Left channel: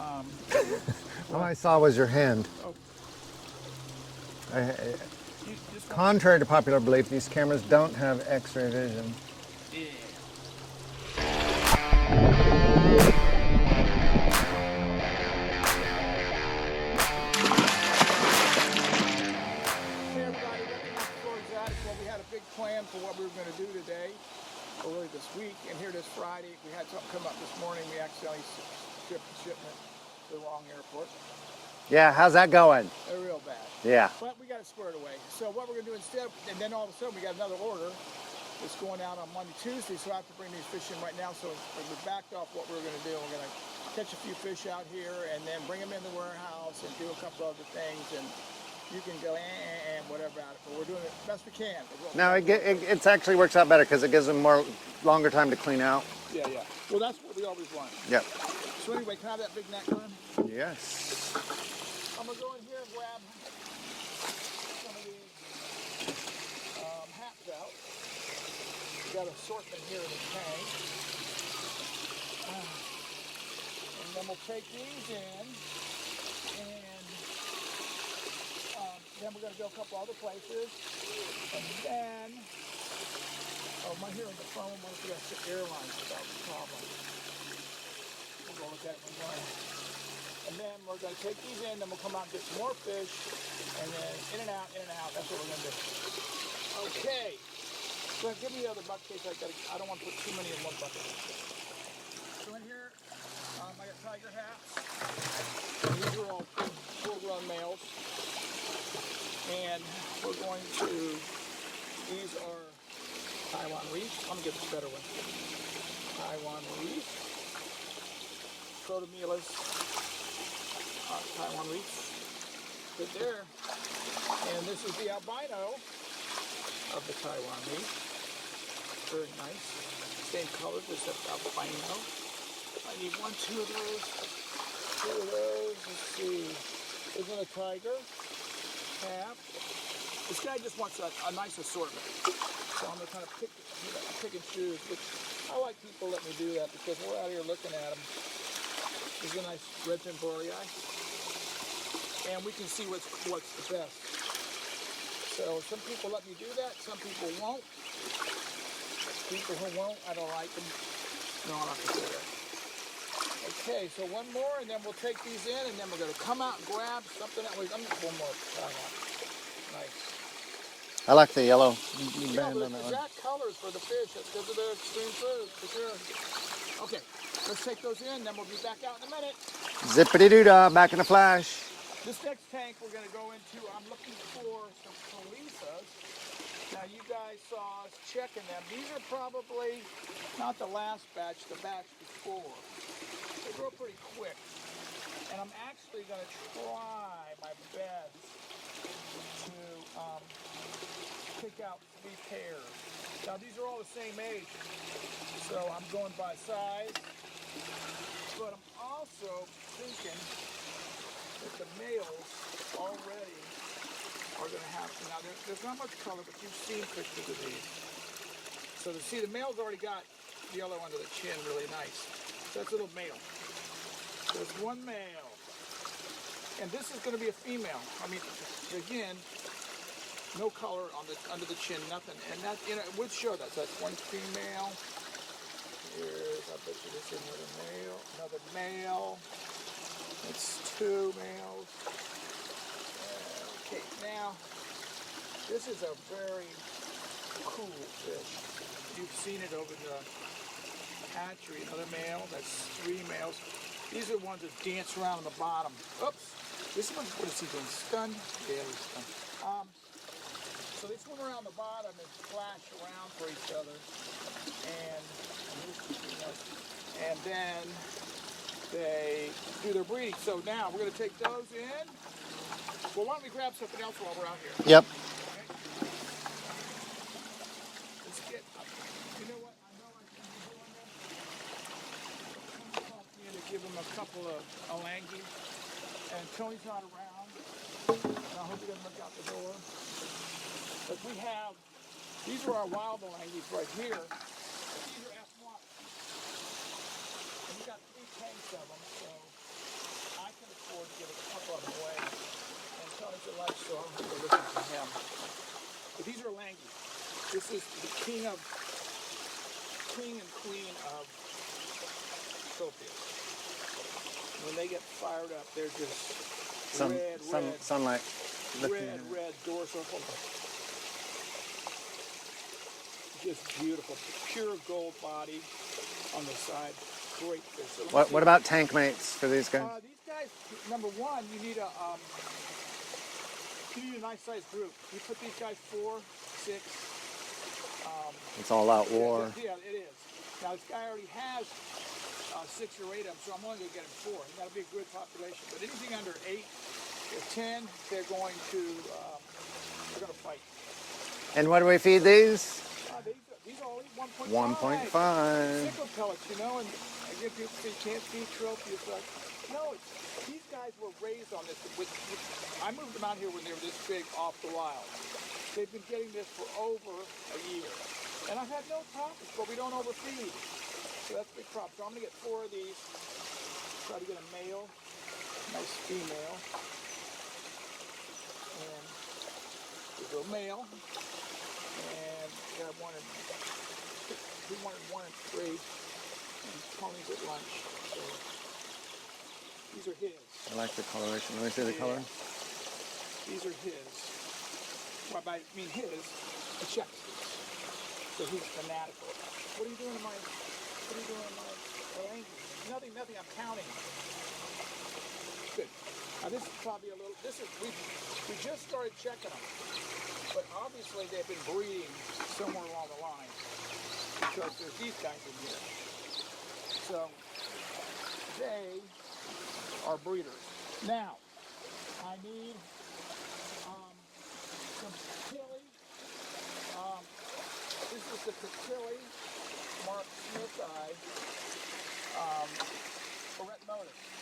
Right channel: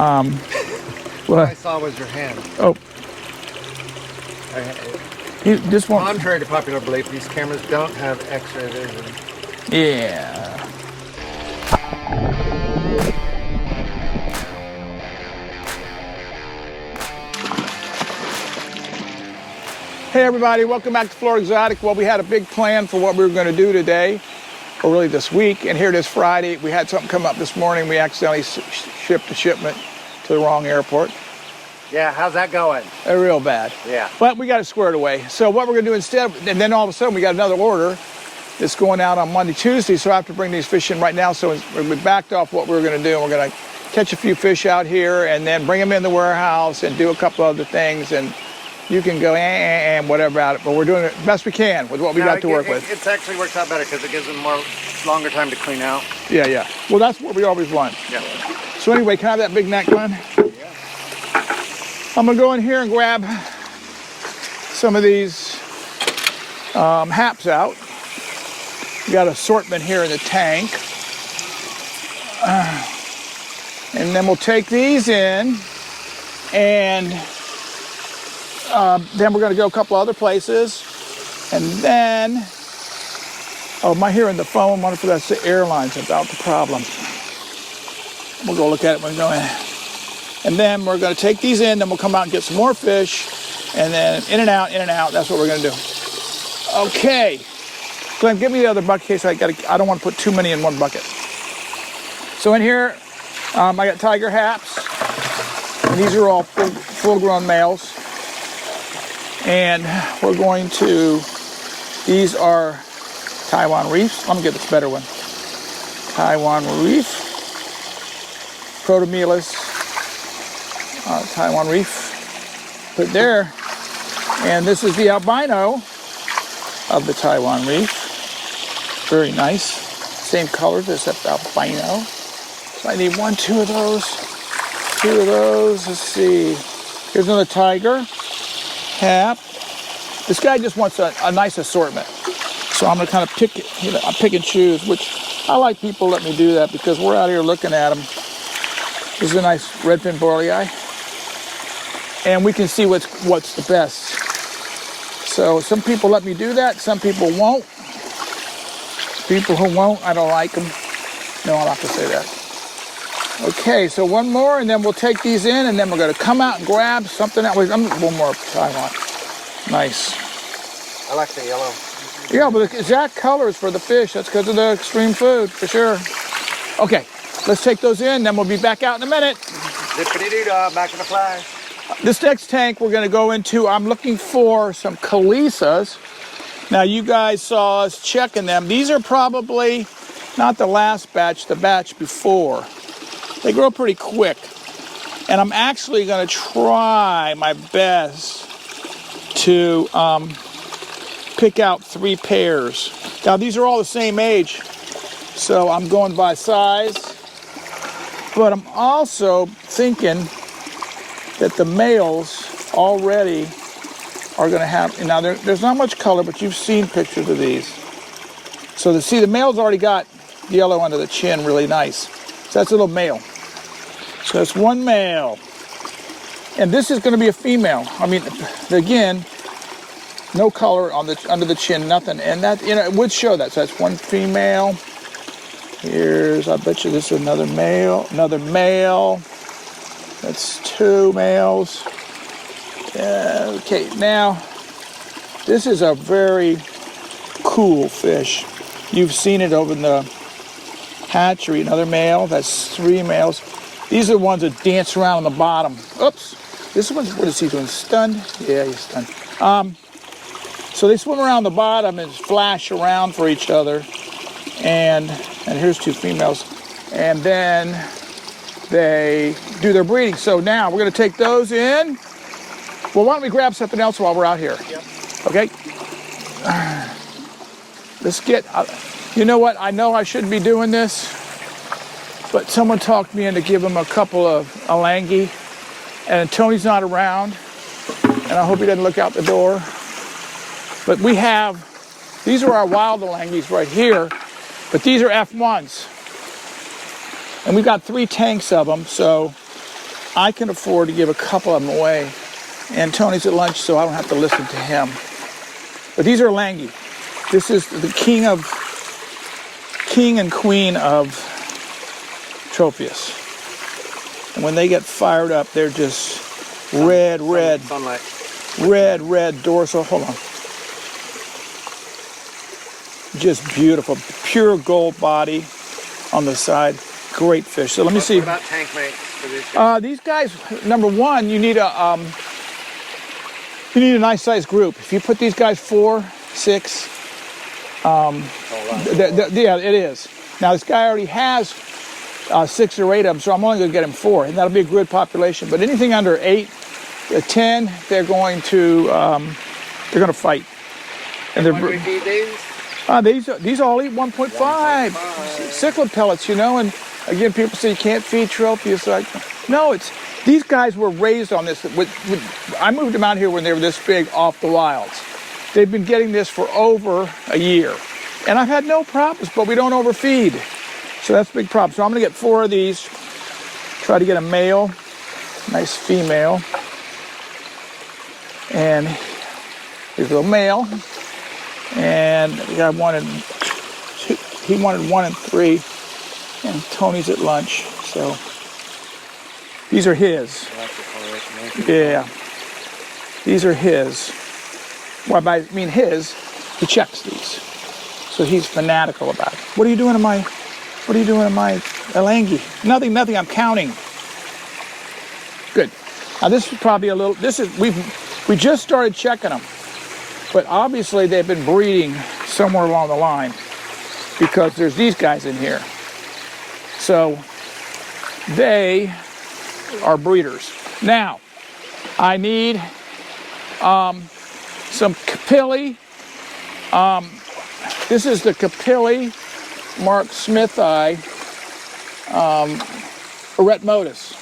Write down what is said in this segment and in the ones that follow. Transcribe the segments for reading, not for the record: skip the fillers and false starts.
What I saw was your hand. Oh. This one. Contrary to popular belief, these cameras don't have X-ray vision. Yeah. Hey everybody, welcome back to Florida Exotic. Well, we had a big plan for what we were going to do today, or really this week, and here it is Friday. We had something come up this morning. We accidentally shipped a shipment to the wrong airport. Yeah, how's that going? Real bad. Yeah. But we got it squared away. So what we're going to do instead, and then all of a sudden we got another order that's going out on Monday, Tuesday, so I have to bring these fish in right now. So we backed off what we were going to do, and we're going to catch a few fish out here and then bring them in the warehouse and do a couple other things. And you can go and whatever about it, but we're doing it best we can with what we got to work with. It actually works out better because it gives them longer time to clean out. Yeah, yeah. Well, that's what we always want. Yeah. So anyway, can I have that big neck, Glenn? Yeah. I'm gonna go in here and grab some of these haps out. We got assortment here in the tank. And then we'll take these in, and then we're going to go a couple other places. And then, oh, am I hearing the phone? I wonder if that's the airlines about the problem. We'll go look at it when we go in. And then we're going to take these in, then we'll come out and get some more fish. And then in and out, in and out. That's what we're going to do. Okay. Glenn, give me the other bucket case. I don't want to put too many in one bucket. So in here, I got tiger haps. And these are all full-grown males. And we're going to, these are Taiwan reefs. Let me get this better one. Taiwan reef, Protomelus, Taiwan reef. Put there. And this is the albino of the Taiwan reef. Very nice. Same colors except albino. So I need one, two of those. Let's see. Here's another tiger. Hap. This guy just wants a nice assortment. So I'm going to kind of pick and choose, which I like people let me do that because we're out here looking at them. This is a nice redfin borlei. And we can see what's the best. So some people let me do that, some people won't. People who won't, I don't like them. No, I'm not going to say that. Okay, so one more, and then we'll take these in, and then we're going to come out and grab something else. One more Taiwan. Nice. I like the yellow. Yeah, but the exact colors for the fish. That's because of the extreme food, for sure. Okay, let's take those in, then we'll be back out in a minute. Zippity-doo-dah, back in the flash. This next tank we're going to go into, I'm looking for some khisas. Now, you guys saw us checking them. These are probably not the last batch, the batch before. They grow pretty quick. And I'm actually going to try my best to pick out 3 pairs. Now, these are all the same age, so I'm going by size. But I'm also thinking that the males already are going to have, now there's not much color, but you've seen pictures of these. So the male's already got yellow under the chin, really nice. So that's a little male. So that's one male. And this is going to be a female. I mean, again, no color on under the chin, nothing. And that, it would show that. So that's one female. Here's, I bet you this is another male. That's 2 males. Okay, now, this is a very cool fish. You've seen it over in the hatchery. Another male, that's 3 males. These are the ones that dance around on the bottom. Oops, this one's, what is he doing, stunned? Yeah, he's stunned. So they swim around the bottom and flash around for each other. And here's 2 females. And then they do their breeding. So now we're gonna take those in. Well, why don't we grab something else while we're out here? Yep. Okay. Let's get, you know what? I know I shouldn't be doing this, but someone talked me into giving him a couple of elangi, and Tony's not around, and I hope he doesn't look out the door. But we have, these are our wild elangis right here, but these are F1s. And we've got 3 tanks of them, so I can afford to give a couple of them away. And Tony's at lunch, so I don't have to listen to him. But these are elangi. This is the king and queen of Tropheus. And when they get fired up, they're just red dorsal. Hold on. Just beautiful, pure gold body on the side. Great fish. So let me see. What about tank mates for these guys? These guys, number one, you need a nice sized group. If you put these guys 4, 6, yeah, it is. Now this guy already has 6 or 8 of them, so I'm only going to get him 4, and that'll be a good population. But anything under 8, 10, they're going to fight. And when do we feed these? These all eat 1.5 cichlid pellets, you know. And again, people say you can't feed Tropheus. Like, no, these guys were raised on this. I moved them out here when they were this big off the wilds. They've been getting this for over a year, and I've had no problems. But we don't overfeed, so that's a big problem. So I'm going to get 4 of these. Try to get a male, nice female, and here's a little male. And the guy wanted 1 and 3, and Tony's at lunch, so these are his. I like the coloration. Yeah, these are his. Well, I mean his. He checks these, so he's fanatical about it. What are you doing to my elangi? Nothing. I'm counting. Good. Now this is probably a little. We just started checking them. But obviously they've been breeding somewhere along the line because there's these guys in here. So they are breeders. Now, I need some capilli. This is the capilli Mark Smithi eretmotus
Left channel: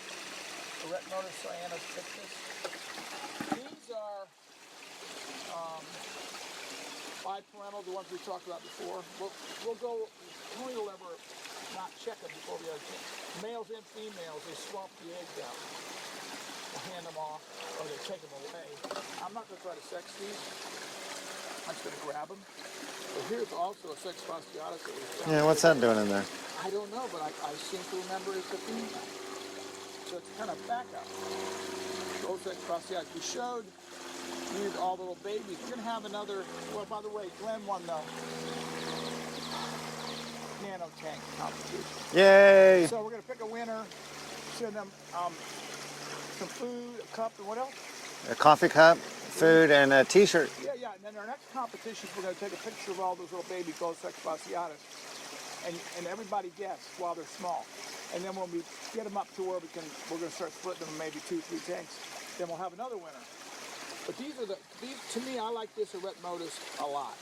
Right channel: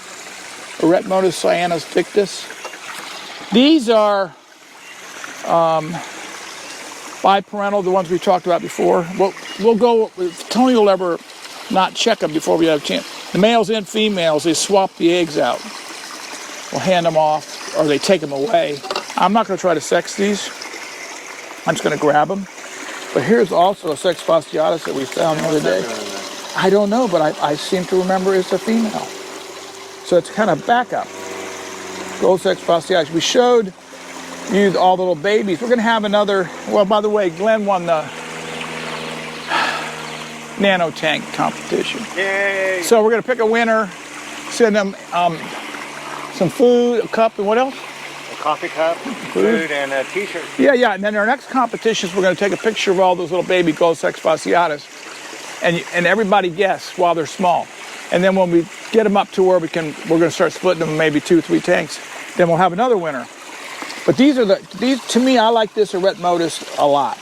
cyanus victus. These are biparental, the ones we talked about before. We'll go, Tony will ever not check them before we have a chance. The males and females, they swap the eggs out. We'll hand them off, or they take them away. I'm not going to try to sex these. I'm just going to grab them. But here's also a sex fasciatus that we found the other day. I don't know, but I seem to remember it's a female. So it's kind of backup. Gold sex fasciatus. We showed you all the little babies. We're going to have another, well, by the way, Glenn won the nano tank competition. Yay! So we're going to pick a winner, send them some food, a cup, and what else? A coffee cup, food, and a t-shirt. Yeah, and then our next competition is we're going to take a picture of all those little baby gold sex fasciatus, and everybody guess while they're small. And then when we get them up to where we're going to start splitting them in maybe 2 or 3 tanks, then we'll have another winner. But these to me, I like this eretmotus a lot.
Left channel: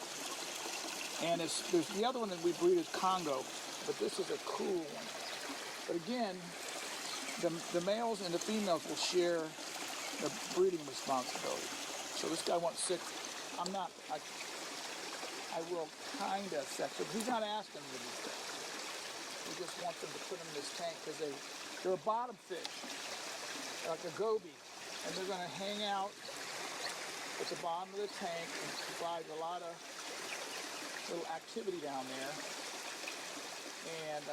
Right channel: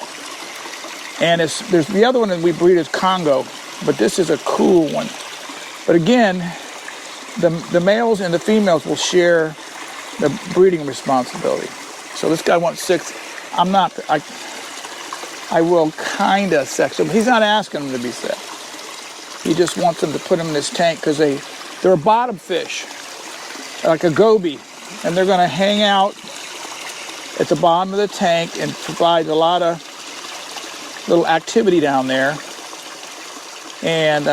And there's the other one that we breed is Congo, but this is a cool one. But again, the males and the females will share the breeding responsibility. So this guy wants 6. I will kind of sex him. He's not asking them to be sexed. He just wants them to put them in this tank because they're a bottom fish, like a goby, and they're going to hang out at the bottom of the tank and provide a lot of little activity down there. And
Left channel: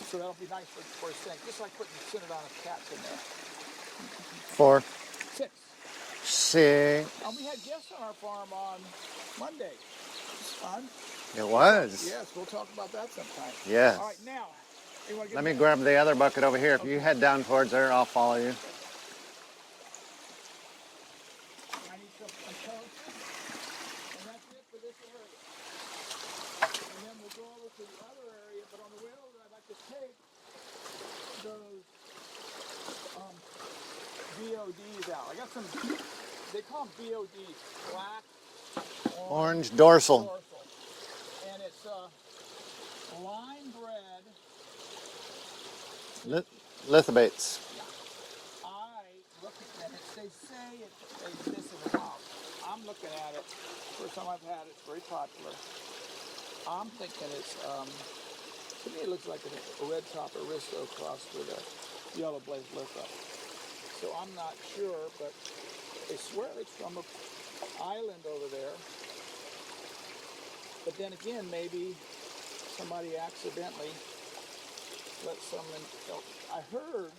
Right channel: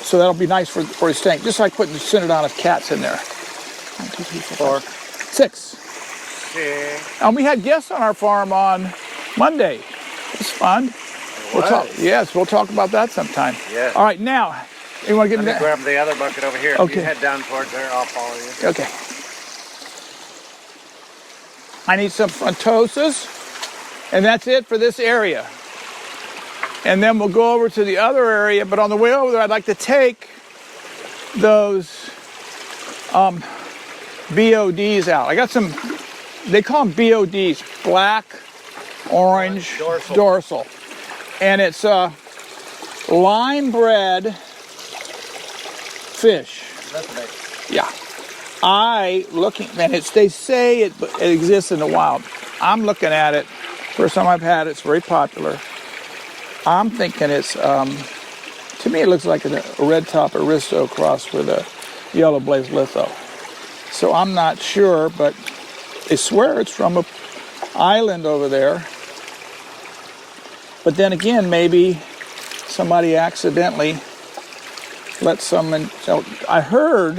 so that'll be nice for his tank, just like putting the Synodontis cats in there. 1, 2, 3, 4, 5, 6. And we had guests on our farm on Monday. It was fun. We'll talk about that sometime. Yeah. All right, now, you want to get Let me grab the other bucket over here. Okay. You head down towards there, I'll follow you. Okay. I need some frontosas, and that's it for this area. And then we'll go over to the other area, but on the way over there, I'd like to take those BODs out. I got some, they call them BODs, Black Orange Dorsal. And it's a line-bred fish. Lithobates. Yeah. They say it exists in the wild. I'm looking at it. First time I've had it, it's very popular. I'm thinking it's, to me it looks like a red top aristo crossed with a yellow blaze litho. So I'm not sure, but they swear it's from an island over there. But then again, maybe somebody accidentally let some in. So I heard,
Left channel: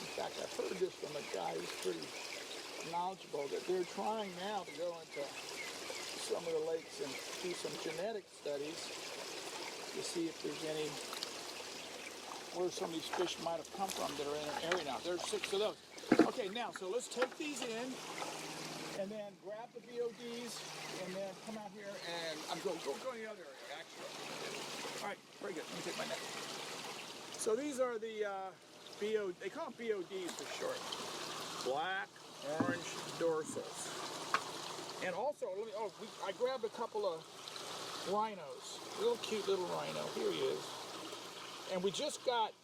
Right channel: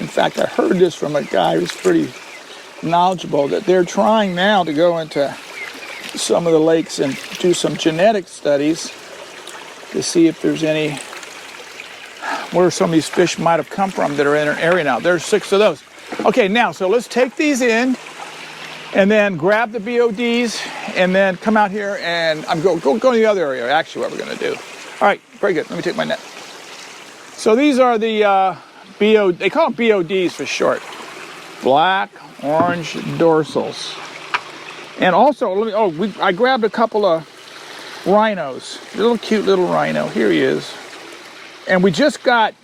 in fact, I heard this from a guy who's pretty knowledgeable, that they're trying now to go into some of the lakes and do some genetic studies to see if there's any, where some of these fish might have come from that are in an area now. There's 6 of those. Okay, now, so let's take these in and then grab the BODs and then come out here and I'm go to the other area, actually, what we're gonna do. All right, very good, let me take my net. So these are the they call them BODs for short. Black Orange Dorsals. And also, I grabbed a couple of rhinos, little cute little rhino, here he is. And we just got,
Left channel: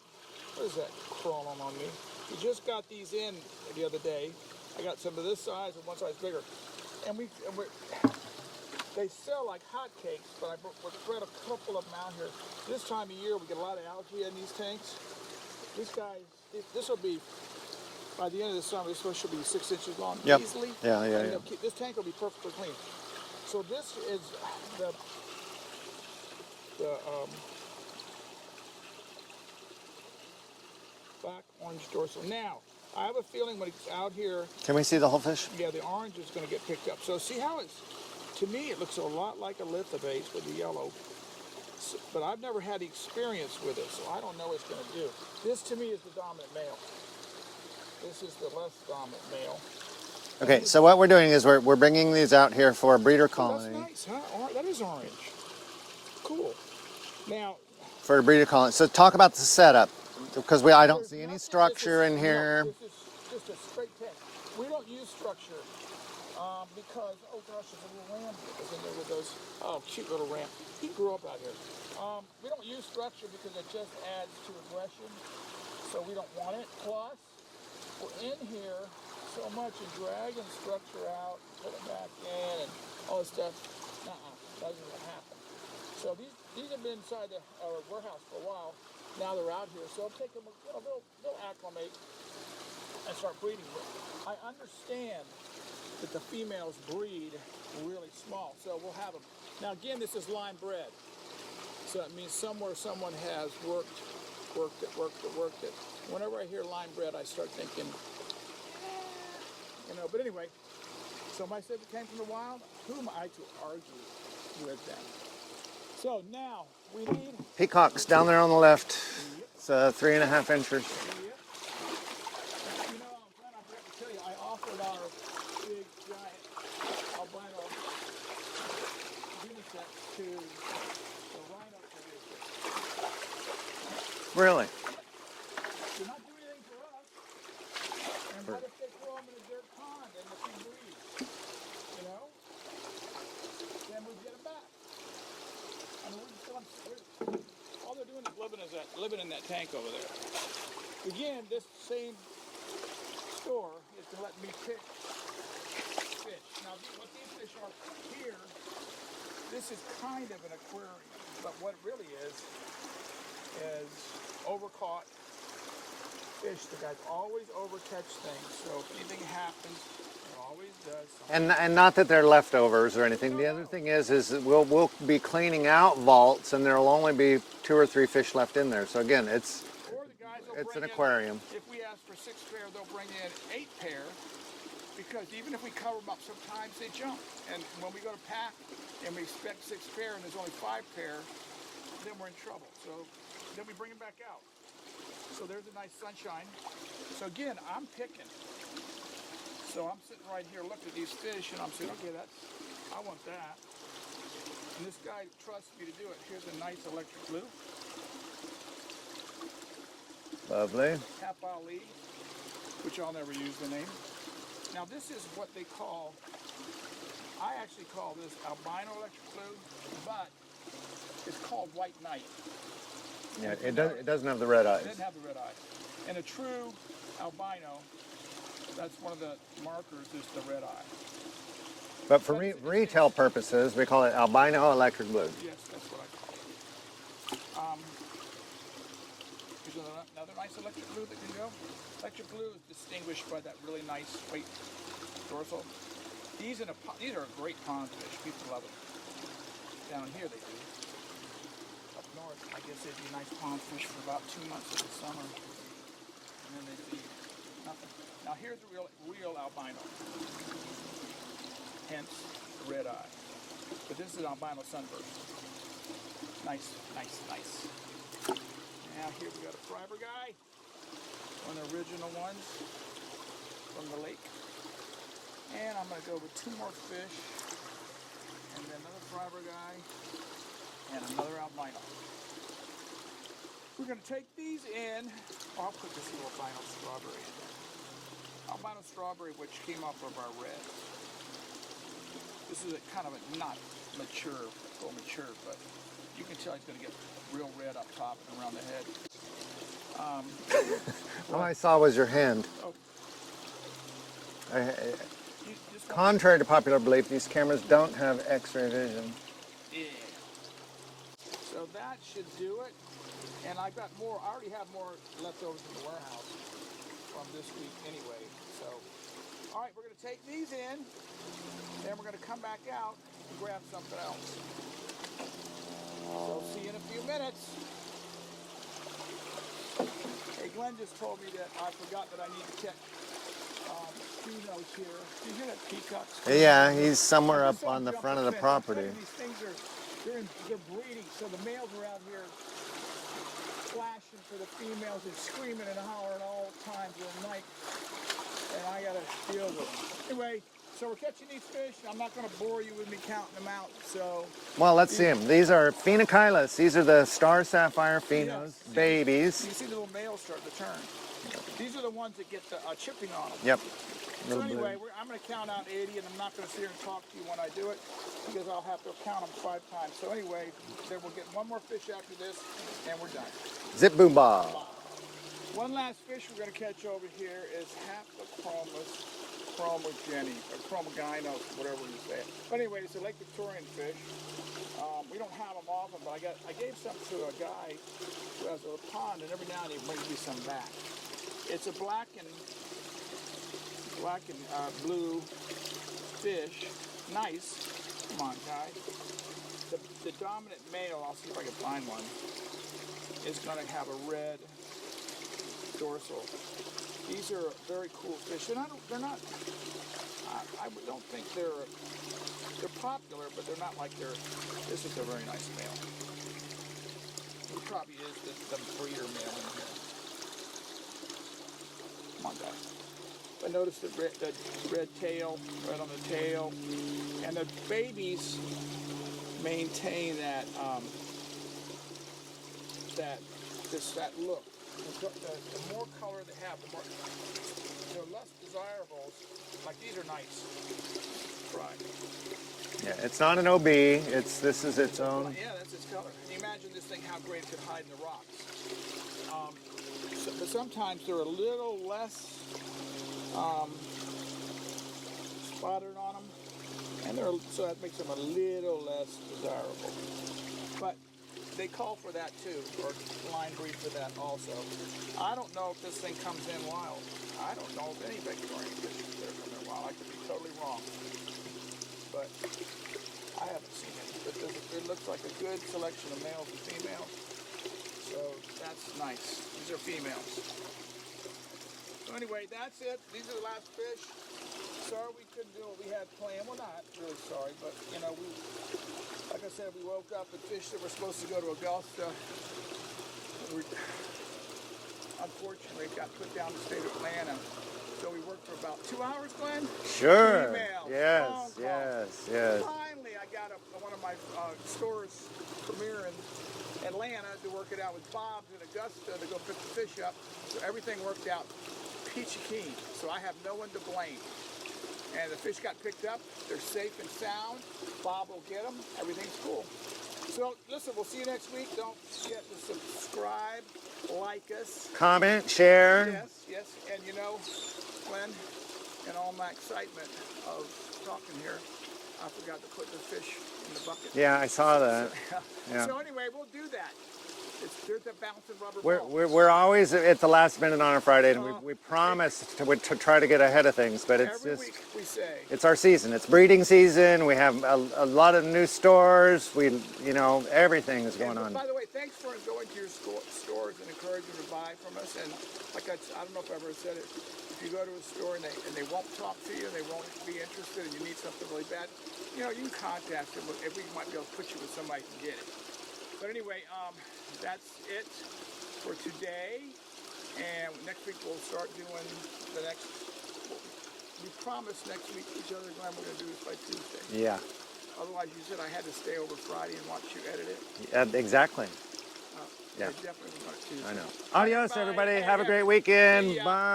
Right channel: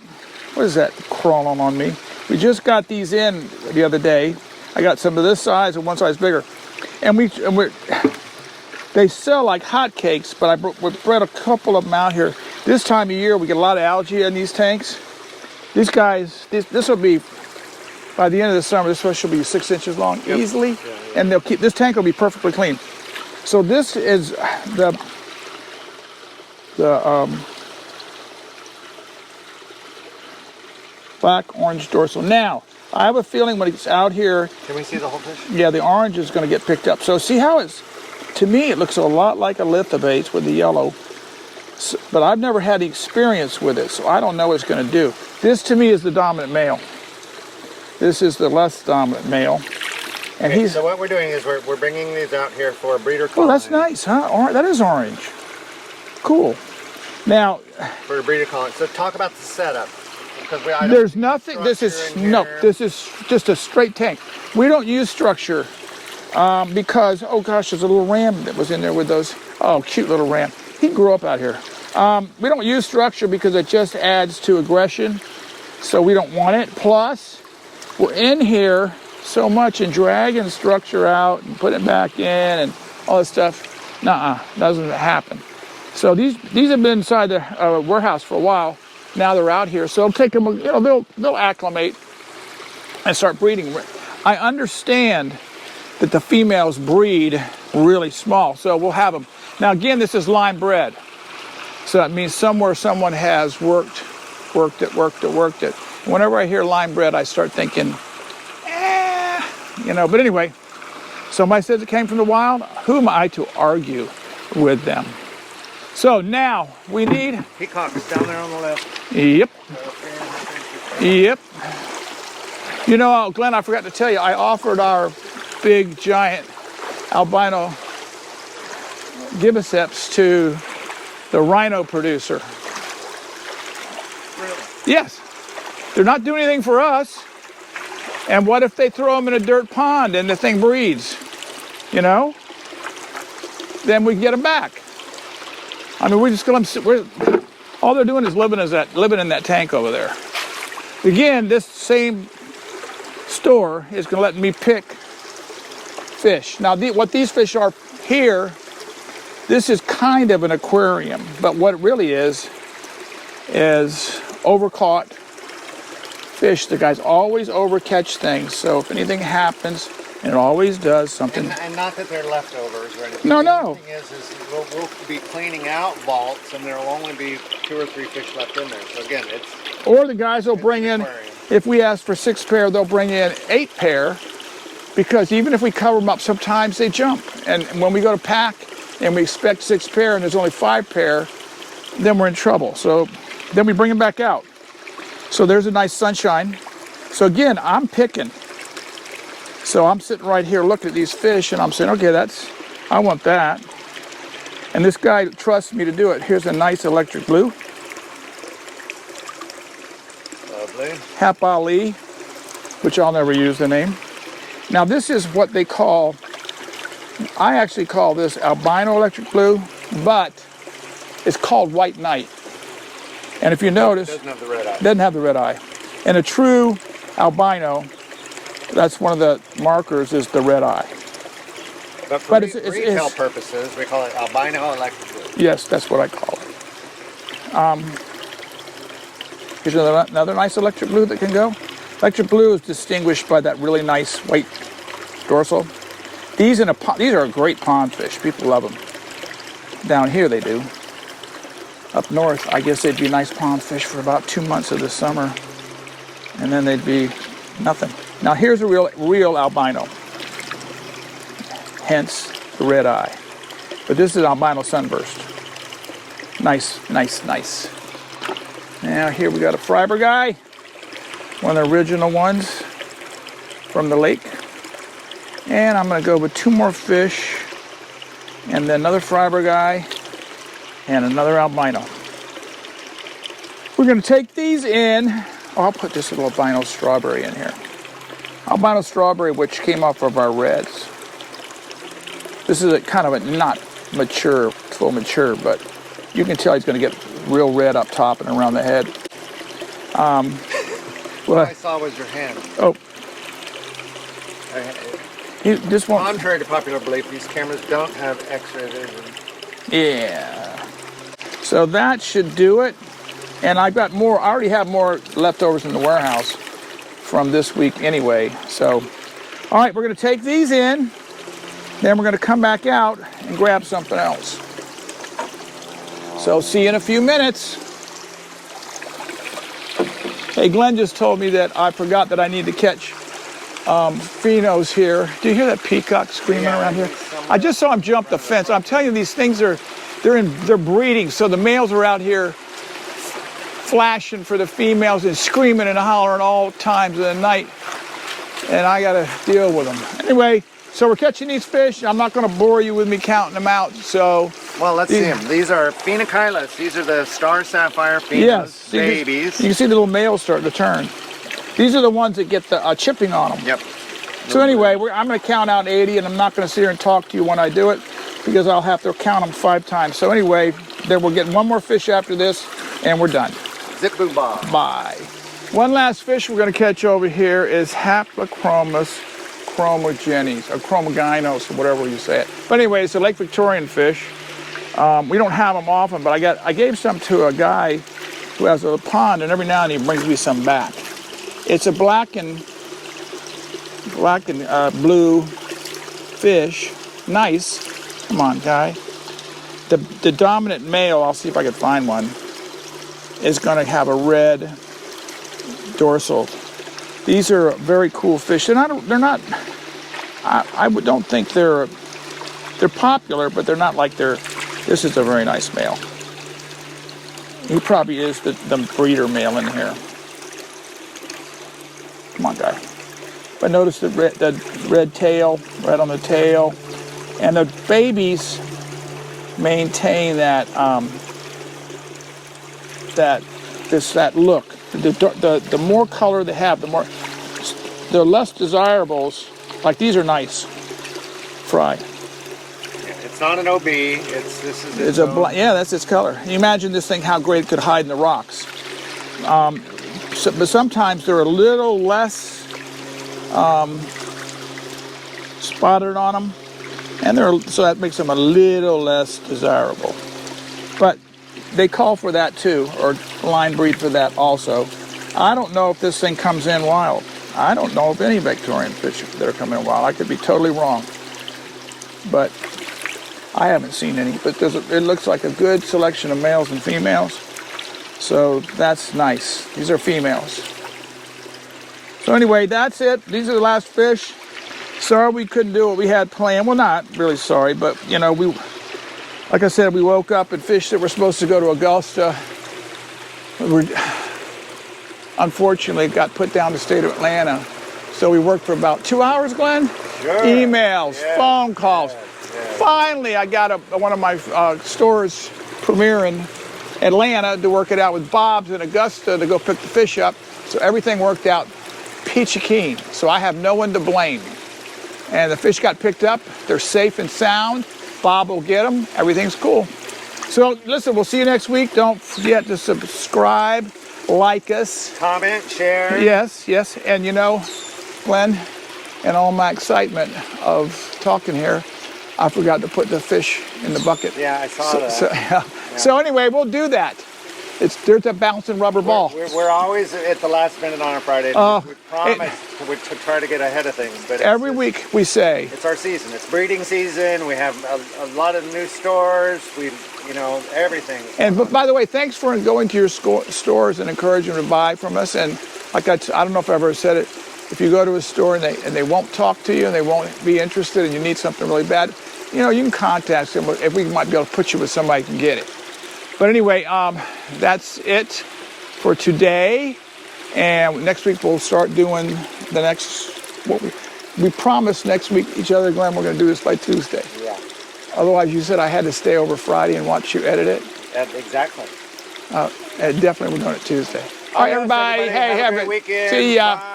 what is that crawling on me? We just got these in the other day. I got some of this size and one size bigger. And they sell like hotcakes, but we bred a couple of them out here. This time of year, we get a lot of algae in these tanks. These guys, this will be, by the end of the summer, this fish will be 6 inches long, easily. Yeah, and they'll keep, this tank will be perfectly clean. So this is the Black Orange Dorsal. Now, I have a feeling when it's out here... Can we see the whole fish? Yeah, the orange is going to get picked up. So see how it's... To me, it looks a lot like a lithobates with the yellow. So, but I've never had the experience with it, so I don't know what it's going to do. This, to me, is the dominant male. This is the less dominant male. And okay, so what we're doing is we're bringing these out here for a breeder colony. Oh, that's nice, huh? That is orange. Cool. Now... For a breeder colony. So talk about the setup. Because I don't there's nothing. This is this is just a straight tank. We don't use structure because there's a little ram that was in there with those. Oh, cute little ram. He grew up out here. We don't use structure because it just adds to aggression, so we don't want it. Plus, we're in here so much and dragging structure out and putting it back in and all this stuff. Nuh-uh, doesn't happen. So these have been inside the warehouse for a while. Now they're out here, so it'll take them, they'll acclimate and start breeding. I understand that the females breed really small, so we'll have them. Now again, this is line bred. So that means somewhere someone has worked it. Whenever I hear line bred, I start thinking, but anyway, somebody says it came from the wild. Who am I to argue with them? So now we need... Peacock is down there on the left. Yep. It's 3.5 inches. Yep. You know, Glenn, I forgot to tell you, I offered our big, giant albino gibiceps to the rhino producer. Really? Yes. They're not doing anything for us. And what if they throw them in a dirt pond and the thing breeds? Then we get them back. I mean, all they're doing is living in that tank over there. Again, this same store is going to let me pick fish. Now, what these fish are here, this is kind of an aquarium, but what it really is overcaught fish. The guys always overcatch things, so if anything happens, and it always does something. And not that they're leftovers or anything. No. The thing is we'll be cleaning out vaults, and there will only be 2 or 3 fish left in there. So again, it's... Or the guys will bring in, if we ask for 6 pair, they'll bring in 8 pair, because even if we cover them up, sometimes they jump. And when we go to pack, and we expect 6 pair, and there's only 5 pair, then we're in trouble. So then we bring them back out. So there's a nice sunshine. So again, I'm picking. So I'm sitting right here looking at these fish and I'm saying, okay, I want that. And this guy trusts me to do it. Here's a nice electric blue. Lovely. Hap Ali, which I'll never use the name. Now this is what they call, I actually call this albino electric blue, but it's called white knight. And if you notice, it doesn't have the red eye. Doesn't have the red eye. And a true albino, that's one of the markers, is the red eye. But for retail purposes, we call it albino electric blue. Yes, that's what I call it. Here's another nice electric blue that can go. Electric blue is distinguished by that really nice white dorsal. These are a great pond fish. People love them. Down here they do. Up north, I guess they'd be nice pond fish for about 2 months of the summer, and then they'd be nothing. Now here's a real albino, hence the red eye. But this is albino sunburst. Nice, nice, nice. Now here we got a fiber guy, one of the original ones from the lake. And I'm gonna go with 2 more fish, and then another fiber guy, and another albino. We're gonna take these in. Oh, I'll put this little albino strawberry in here. Albino strawberry, which came off of our reds. This is a kind of a not mature, full mature, but you can tell he's gonna get real red up top and around the head. What I saw was your hand. Oh. This one. Contrary to popular belief, these cameras don't have X-ray vision. Yeah. So that should do it. And I've got more, I already have more leftovers in the warehouse from this week anyway. So, all right, we're gonna take these in, then we're gonna come back out and grab something else. So see you in a few minutes. Hey, Glenn just told me that I forgot that I need to catch phenos here. Do you hear that peacock screaming around here? I just saw him jump the fence. I'm telling you, these things they're breeding. So the males are out here flashing for the females and screaming and hollering all times of the night. And I gotta deal with them. Anyway, so we're catching these fish. I'm not gonna bore you with me counting them out. So. Well, let's see them. These are phenochylis. These are the star sapphire phenos, babies. You can see the little males starting to turn. These are the ones that get the chipping on them. Yep. So anyway, I'm going to count out 80, and I'm not going to sit here and talk to you when I do it, because I'll have to count them 5 times. So anyway, then we're getting one more fish after this, and we're done. Zip boo bob. Bye. One last fish we're going to catch over here is Haplachromis chromogynos, or chromogynos, or whatever you say it. But anyway, it's a Lake Victorian fish. We don't have them often, but I gave some to a guy who has a pond, and every now and then he brings me some back. It's a black and blue fish. Nice. Come on, guy. The dominant male, I'll see if I can find one, is going to have a red dorsal. These are very cool fish. They're not. I don't think they're popular, but they're not like they're. This is a very nice male. He probably is the breeder male in here. Come on, guy. But notice the red tail, red on the tail, and the babies maintain that that look. The more color they have, they're less desirables. Like these are nice. Fry. It's not an OB. Yeah, that's its color. Can you imagine this thing? How great it could hide in the rocks. But sometimes they're a little less spotted on them, and so that makes them a little less desirable. But they call for that too, or line breed for that also. I don't know if this thing comes in wild. I don't know of any Victorian fish that are coming in wild. I could be totally wrong, but I haven't seen any. But it looks like a good selection of males and females. So that's nice. These are females. So anyway, that's it. These are the last fish. Sorry we couldn't do what we had planned. Well, not really sorry, but you know, like I said, we woke up and fish that were supposed to go to Augusta. Unfortunately, it got put down to the state of Atlanta. So we worked for about 2 hours, Glenn? Sure. Emails, phone calls. Yes. Finally, I got one of my stores premier in Atlanta to work it out with Bob's in Augusta to go pick the fish up. So everything worked out peachy keen. So I have no one to blame. And the fish got picked up. They're safe and sound. Bob will get them. Everything's cool. So listen, we'll see you next week. Don't forget to subscribe, like us. Comment, share. Yes, yes. And you know, Glenn, in all my excitement of talking here, I forgot to put the fish in the bucket. Yeah, I saw that. So anyway, we'll do that. there's a bouncing rubber ball. We're always at the last minute on a Friday. We promise to try to get ahead of things, but Every week we say it's our season. It's breeding season. We have a lot of new stores. Everything. But by the way, thanks for going to your stores and encouraging them to buy from us. And like I don't know if I ever said it, if you go to a store and they won't talk to you and they won't be interested and you need something really bad, you can contact them if we might be able to put you with somebody who can get it. But anyway, that's it for today. And next week we'll start doing the next, we promised next week each other, Glenn, we're going to do this by Tuesday. Yeah. Otherwise, you said I had to stay over Friday and watch you edit it. Exactly. Definitely we're doing it Tuesday. All right, everybody. Hey, have a great weekend. See ya. Bye.